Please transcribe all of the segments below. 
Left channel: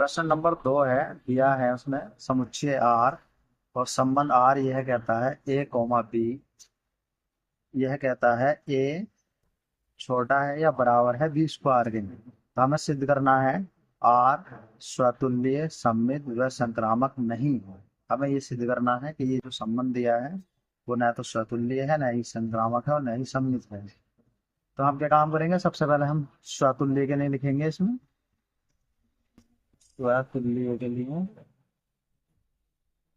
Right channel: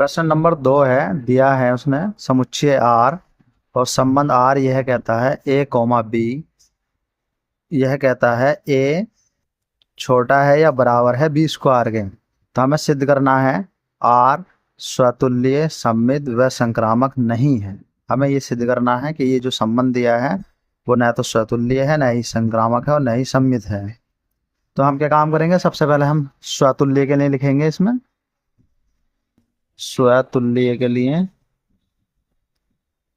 प्रश्न नंबर 2 है, दिया है उसने समुच्चय आर और संबंध आर यह कहता है ए कॉमा बी। यह कहता है ए छोटा है या बराबर है बी स्क्वायर के। तो हमें सिद्ध करना है आर स्वतुल्य सममित व संक्रामक नहीं है। हमें ये सिद्ध करना है कि ये जो संबंध दिया है वो न तो स्वतुल्य है, न ही संक्रामक है और न ही सममित है। तो हम क्या काम करेंगे, सबसे पहले हम स्वतुल्य के लिए लिखेंगे। इसमें स्वतुल्य के लिए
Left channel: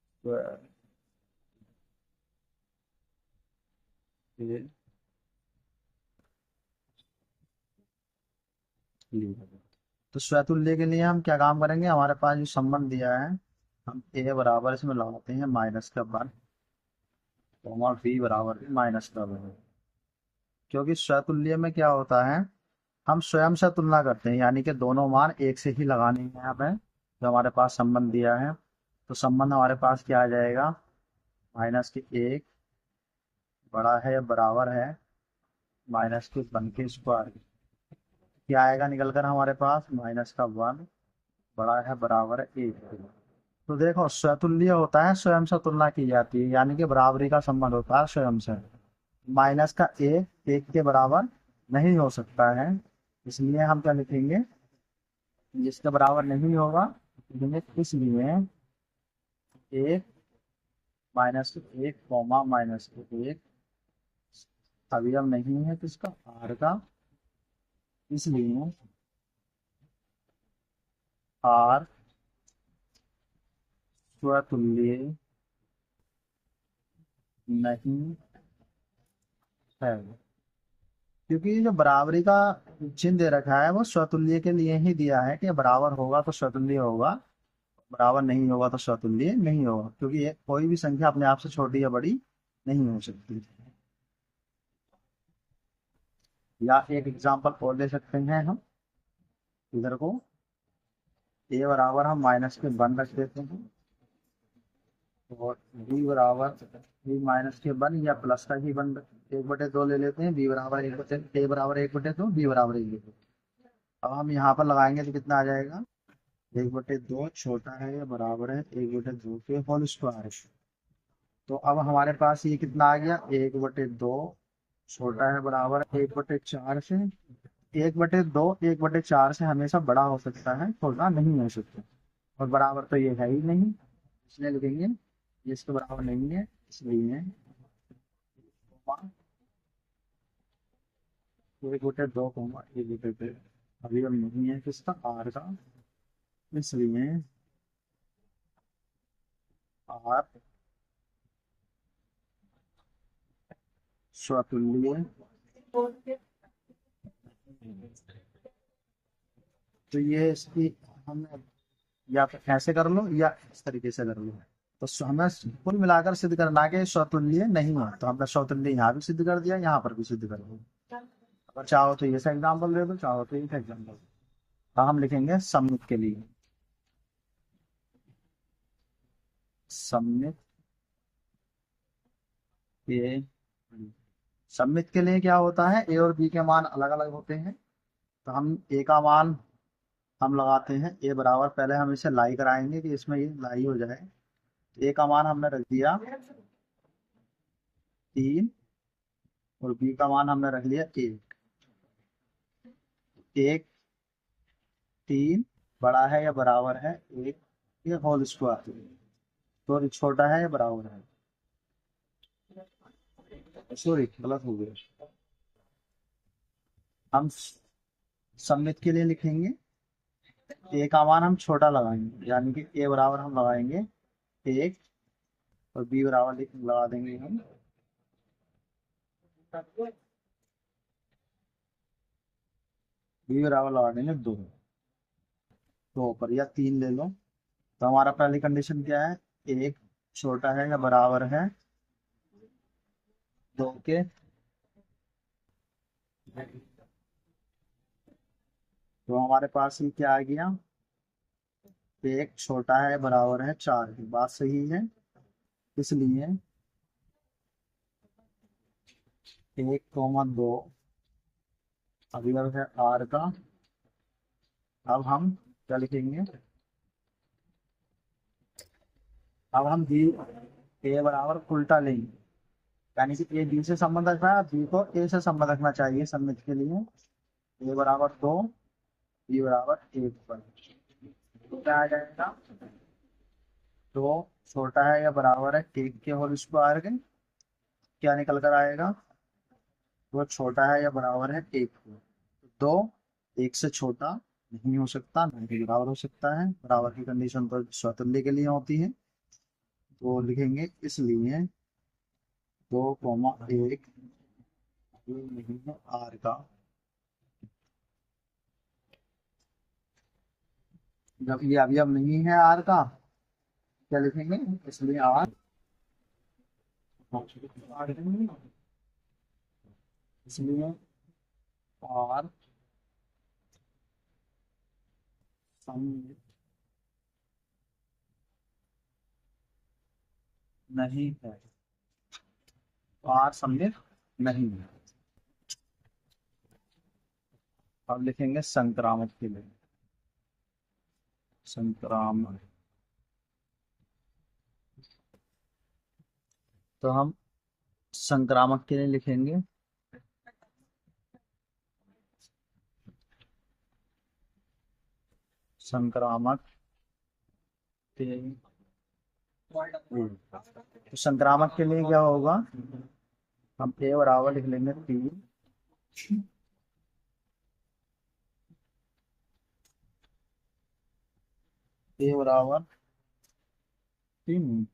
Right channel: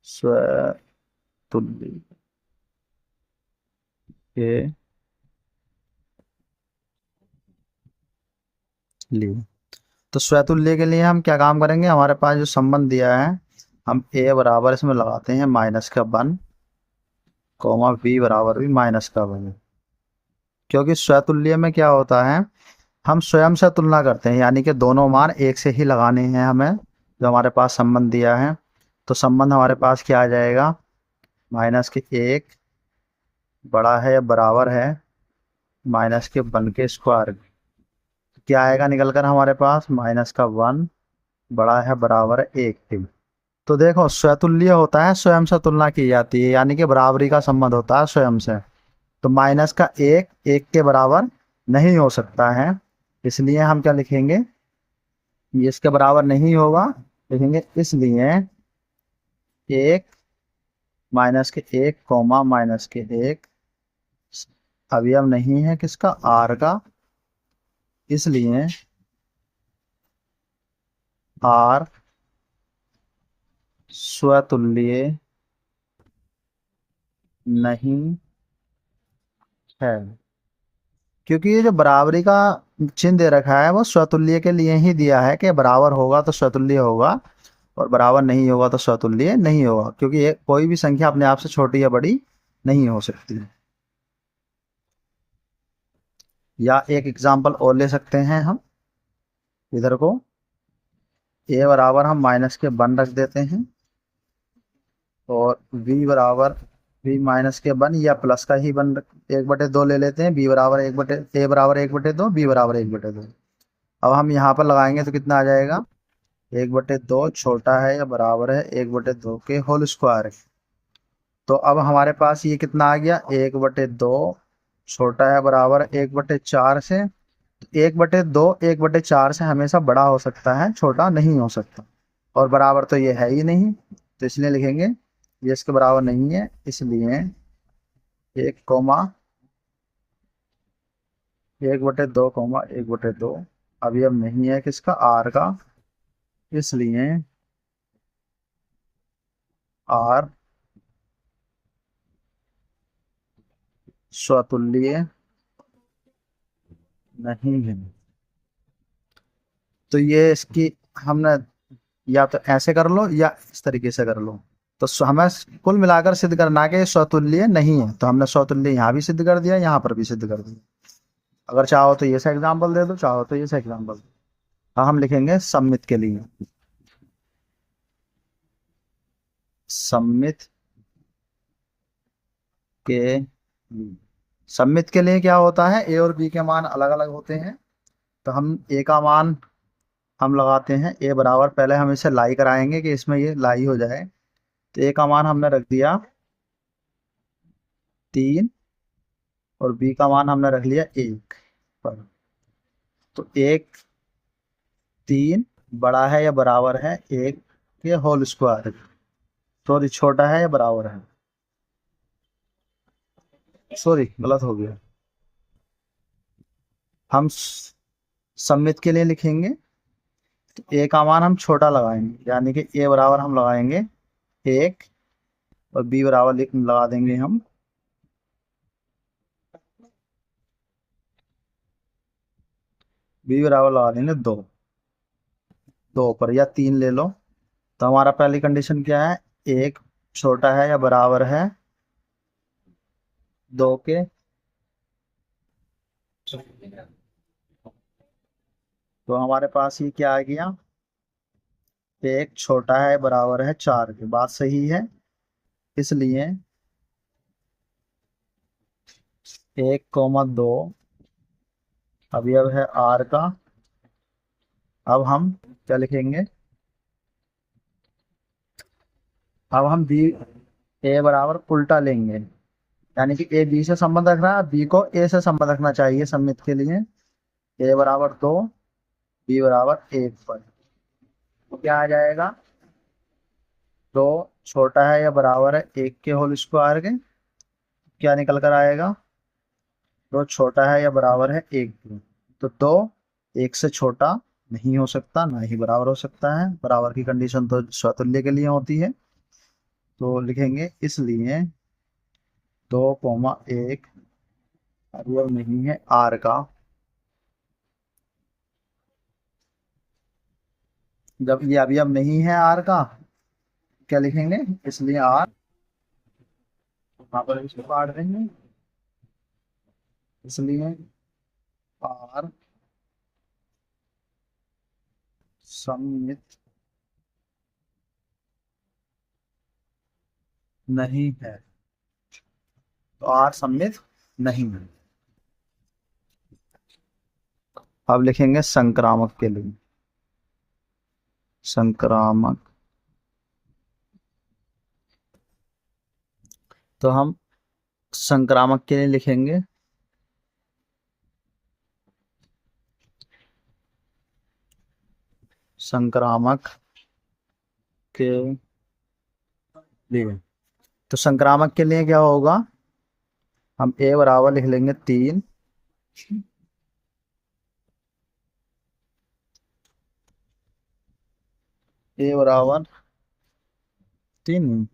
स्वतुल्य के लिए, तो स्वतुल्य के लिए हम क्या काम करेंगे, हमारे पास जो संबंध दिया है हम ए बराबर इसमें लगाते हैं -1 कॉमा बी बराबर भी -1। क्योंकि स्वतुल्य में क्या होता है, हम स्वयं से तुलना करते हैं, यानी कि दोनों मान एक से ही लगाने हैं हमें। जो हमारे पास संबंध दिया है तो संबंध हमारे पास क्या आ जाएगा, -1 बड़ा है या बराबर है -1 के स्क्वायर। क्या आएगा निकल कर हमारे पास, -1 बड़ा है बराबर है 1 के। तो देखो स्वतुल्य होता है स्वयं से तुलना की जाती है, यानी कि बराबरी का संबंध होता है स्वयं से। तो -1 के बराबर नहीं हो सकता है, इसलिए हम क्या लिखेंगे, ये इसके बराबर नहीं होगा। लिखेंगे इसलिए 1 -1 कॉमा -1 अवयव नहीं है किसका, आर का। इसलिए आर स्वतुल्य नहीं है। क्योंकि ये जो बराबरी का चिन्ह दे रखा है वो स्वतुल्य के लिए ही दिया है कि बराबर होगा तो स्वतुल्य होगा और बराबर नहीं होगा तो स्वतुल्य नहीं होगा। क्योंकि ये कोई भी संख्या अपने आप से छोटी या बड़ी नहीं हो सकती। या एक एग्जांपल और ले सकते हैं हम, इधर को ए बराबर हम -1 रख देते हैं और बी बराबर बी -1 या प्लस का ही 1/2 ले लेते हैं। बी बराबर 1 बटे ए बराबर 1/2, बी बराबर 1/2। अब हम यहाँ पर लगाएंगे तो कितना आ जाएगा, 1/2 छोटा है या बराबर है 1/2 के होल स्क्वायर। तो अब हमारे पास ये कितना आ गया, 1/2 छोटा है बराबर 1/4 से। 1/2 1/4 से हमेशा बड़ा हो सकता है, छोटा नहीं हो सकता। और बराबर तो ये है ही नहीं, तो इसलिए लिखेंगे ये इसके बराबर नहीं है। इसलिए 1,1/2 अभी अब नहीं है किसका, आर का। इसलिए आर स्वतुल्य नहीं है। तो ये इसकी हमने या तो ऐसे कर लो या इस तरीके से कर लो। तो हमें कुल मिलाकर सिद्ध करना है कि ये स्वतुल्य नहीं है। तो हमने स्वतुल्य यहाँ भी सिद्ध कर दिया, यहाँ पर भी सिद्ध कर दिया। अगर चाहो तो ये सा एग्जाम्पल दे दो, चाहो तो ये सा एग्जाम्पल। अब हम लिखेंगे सममित के लिए। सममित के लिए, सममित के लिए क्या होता है, ए और बी के मान अलग अलग होते हैं। तो हम ए का मान हम लगाते हैं ए बराबर, पहले हम इसे लाई कराएंगे कि इसमें ये लाई हो जाए। तो ए का मान हमने रख दिया 3 और बी का मान हमने रख लिया 1 पर। तो 1 3 बड़ा है या बराबर है 1 के होल स्क्वायर। सॉरी, छोटा है या बराबर है, सॉरी गलत हो गया। हम सममित के लिए लिखेंगे तो ए का मान हम छोटा लगाएंगे, यानी कि ए बराबर हम लगाएंगे 1 और बी बराबर लगा देंगे हम बी बराबर लगा देंगे 2 पर, या 3 ले लो। तो हमारा पहली कंडीशन क्या है, 1 छोटा है या बराबर है 2 के। तो हमारे पास ये क्या आ गया, 1 छोटा है बराबर है 4 के। बात सही है। इसलिए 1,2 अवयव है आर का। अब हम क्या लिखेंगे, अब हम बी ए बराबर उल्टा लेंगे, यानी कि ए बी से संबंध रख रहा है, बी को ए से संबंध रखना चाहिए सम्मित के लिए। ए बराबर 2, बी बराबर 1 पर तो क्या आ जाएगा, 2 छोटा है या बराबर है 1 के होल स्क्वायर के, क्या निकल कर आएगा, 2 छोटा है या बराबर है 1 के, तो 2 1 से छोटा नहीं हो सकता, ना ही बराबर हो सकता है, बराबर की कंडीशन तो स्वतुल्य के लिए होती है। तो लिखेंगे इसलिए 2, 1 अवयव नहीं है आर का। जब ये अवयव नहीं है आर का, क्या लिखेंगे, इसलिए आर, वहां पर इसको काट देंगे, इसलिए आर सममित नहीं है, तो आर सममित नहीं है। अब लिखेंगे संक्रामक के लिए, संक्रामक, तो हम संक्रामक के लिए लिखेंगे संक्रामक के लिए, तो संक्रामक के लिए क्या होगा, हम ए बराबर लिख लेंगे 3, ए बराबर 3,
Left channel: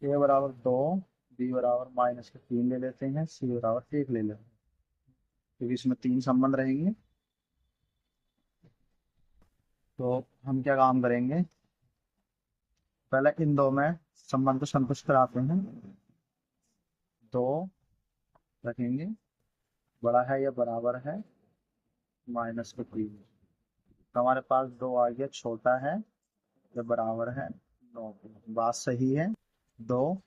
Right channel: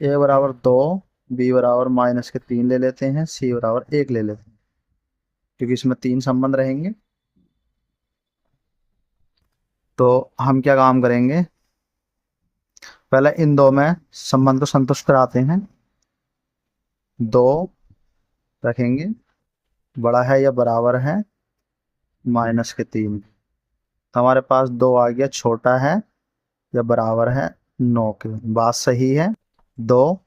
ए बराबर 2, बी बराबर -3 ले लेते हैं, सी बराबर 1 ले लेते हैं, क्योंकि इसमें 3 संबंध रहेंगे। तो हम क्या काम करेंगे, पहले इन दो में संबंध को संतुष्ट कराते हैं, 2 रखेंगे, बड़ा है या बराबर है -3, तो हमारे पास 2 आ गया, छोटा है या बराबर है 9 के, बात सही है, 2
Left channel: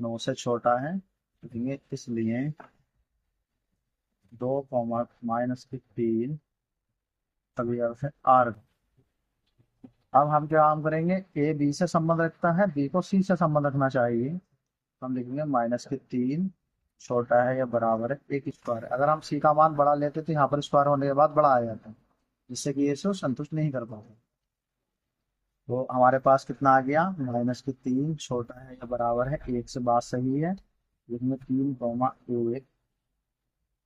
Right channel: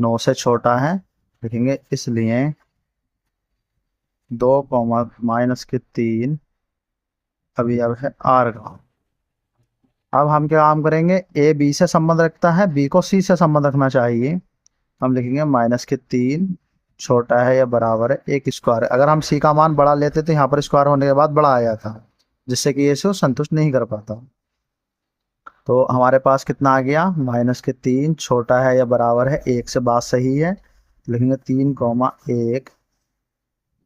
9 से छोटा है, लिखेंगे इसलिए 2, -3 अभी अब है आर का। अब हम क्या काम करेंगे, ए बी से संबंध रखता है, बी को सी से संबंध रखना चाहिए, हम लिखेंगे -3 छोटा है या बराबर है 1 स्क्वायर। अगर हम सी का मान बड़ा लेते तो यहाँ पर स्क्वायर होने के बाद बड़ा आ जाता, जिससे कि ये से संतुष्ट नहीं कर पाता। तो हमारे पास कितना आ गया, -3 छोटा है या बराबर है 1 से, बात सही है, लिखेंगे 3, 1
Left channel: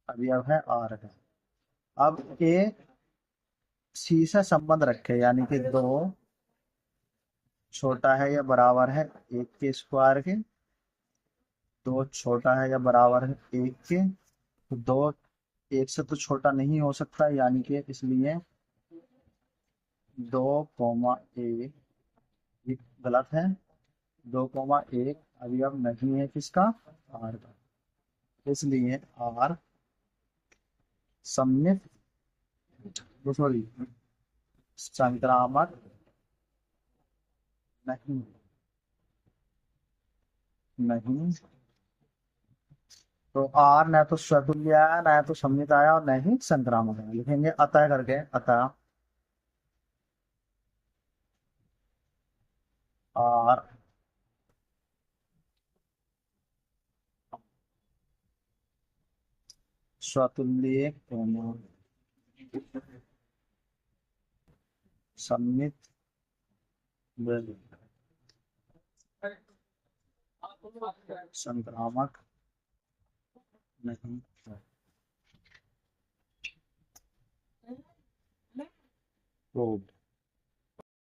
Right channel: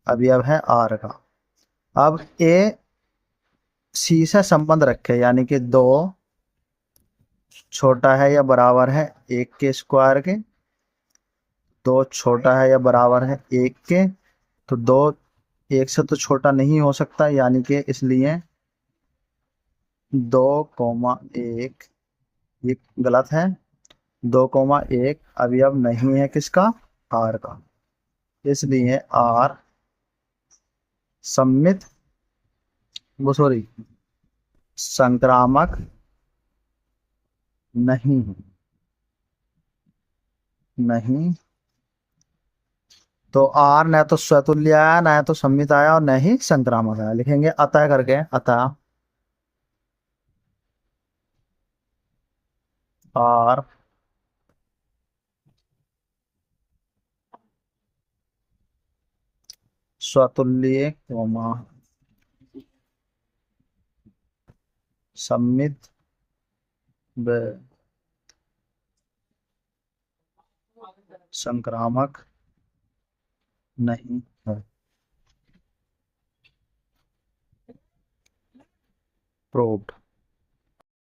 अभी अब है आर का। अब ए सी से संबंध रखे, यानी कि 2 छोटा है या बराबर है 1 के स्क्वायर के, 2 छोटा है या बराबर है 1 के, तो 2 1 से तो छोटा नहीं हो सकता, यानी कि इसलिए 2, 1, ये गलत है, 2, 1 अभी अब नहीं है किसका, आर का, इसलिए आर सम्मित, वो सॉरी संक्रामक नहीं है, नहीं, तो आर न तो स्वतुल्य आया, न तो सम्मित आया, और न ही संक्रामक आया, लिखेंगे अतः करके, अतः आर स्वतुल्य सम्मित व संक्रामक नहीं है, प्रूव्ड।